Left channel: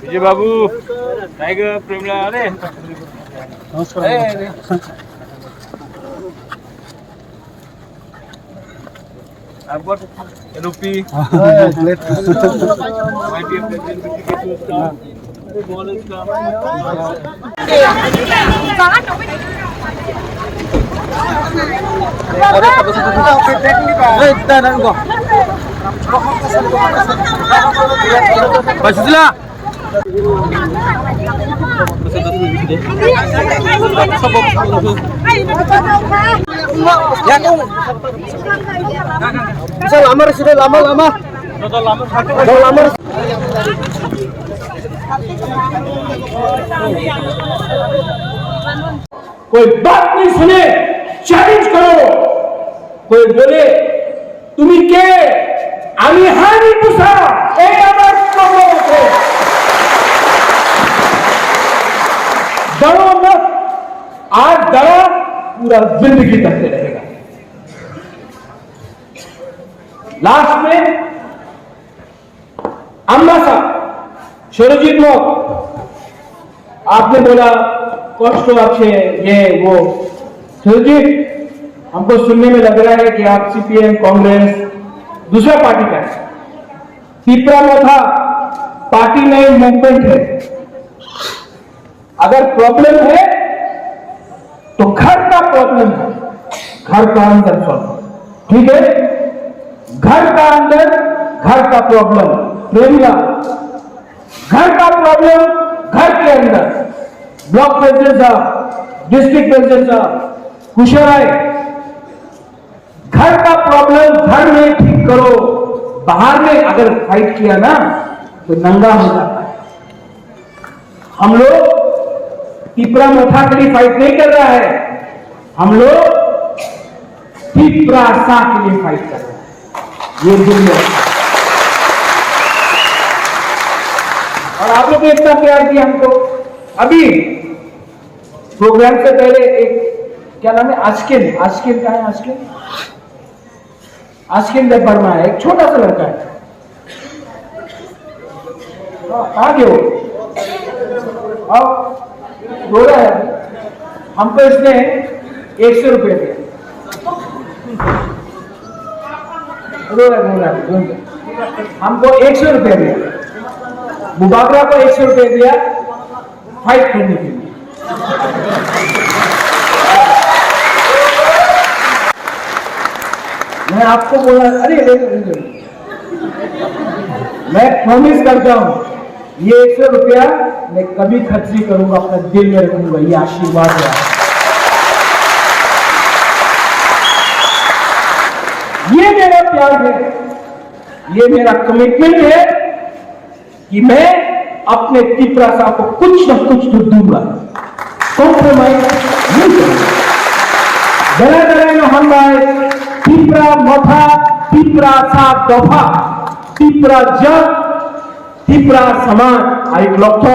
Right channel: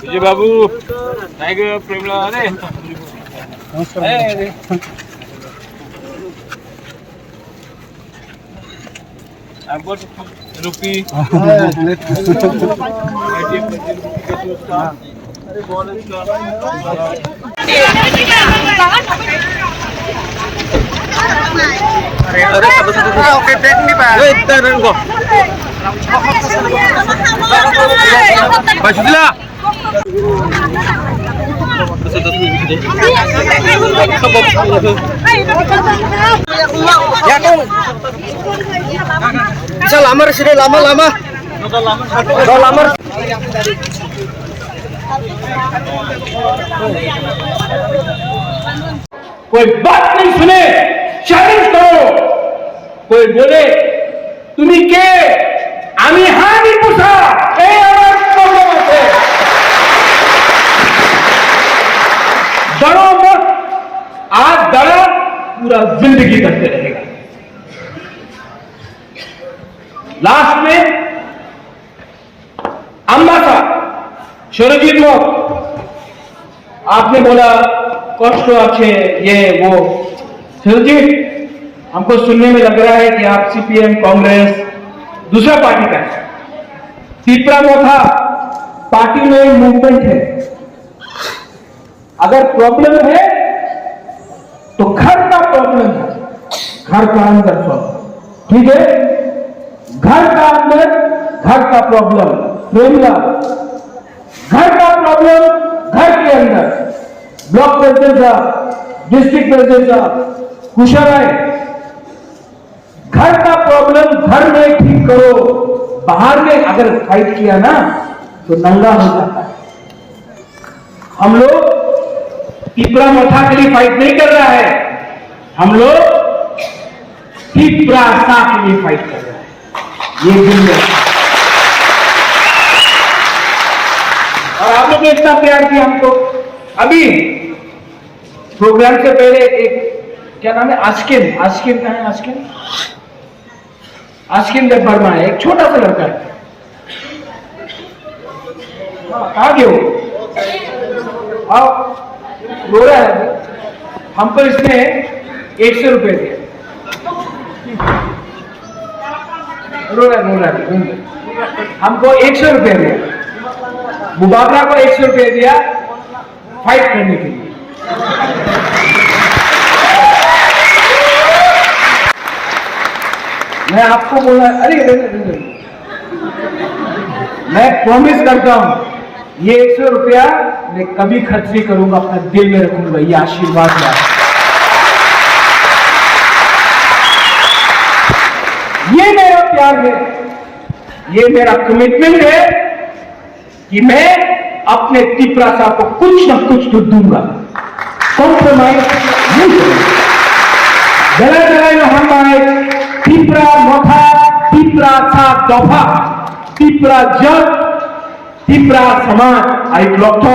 विजय बाबू tiger प्रेमला अरे नमस्कार I've got rupee. Okay, take me back. Basudila. Ya kau. Bisa lamar sini lama-lama. Mau lamar. कोई बात नहीं सुने चैलेंज करो कोई बोले तुम्हें के आमी हानी पुसा ए আমার প্রবলেম আছে डरो मत आज डरा पूरा जिंदगी करते रहेगा लास्ट में अम्मा साहब शरजीत लोग आपने बोला कष्ट अच्छे ये वो शरजीत हमको सुनने में लग रहा है कि आप सीपीएम कांग्रेस दूसरा पार्टी का है तीसरा मोथा पार्टी में मूवमेंट है अगर प्रॉब्लम है तो घर का प्रॉब्लम है घर का अंदर सॉल्व ठीक है घर का अंदर घर का प्रॉब्लम प्रेमिया घर का प्रॉब्लम घर के अंदर ब्लॉक प्रेसिडेंट साहब डिस्ट्रिक्ट प्रेसिडेंट साहब कुशल घर का प्रॉब्लम घर में ठीक करो बाहर में अगर फाइट किया ना तो नंगा हो जाता है हम लोग तीसरा मोथा के लिए फाइट नहीं कर रहा है हम लोग तीसरा सा के लिए फाइट कर रहा है ये दुनिया और आप लोग ने इतना प्यार दिया हमको अभी प्रोग्राम से पहले एक क्या नाम है आस्किन आस्किन का है आस्किन आस्किन जब वर्मा है एक छोटा सा लड़का है कहाँ गए हो रो रहा है हमको इसने 100 रुपए दिया रो रहा हमको 100 रुपए दिया मुबाबरा को 100 रुपए दिया फाइट करने के लिए मैं आपको बोला अरे मैं प्रॉमिस करता हूं ये 100 रुपया मैं कभी खर्च नहीं करूंगा अपना दिल में रखूंगा ये आशीर्वाद है ये मेरा प्यार है ये मेरा कमिटमेंट है कि मैं अपने तीसरा साहब को कुछ न कुछ तो दूंगा कॉम्प्रोमाइज नहीं करूंगा जला जला हम आए तीसरा मोथा तीसरा सा दफा तीसरा जग तीसरा समाज आई लक्ष्य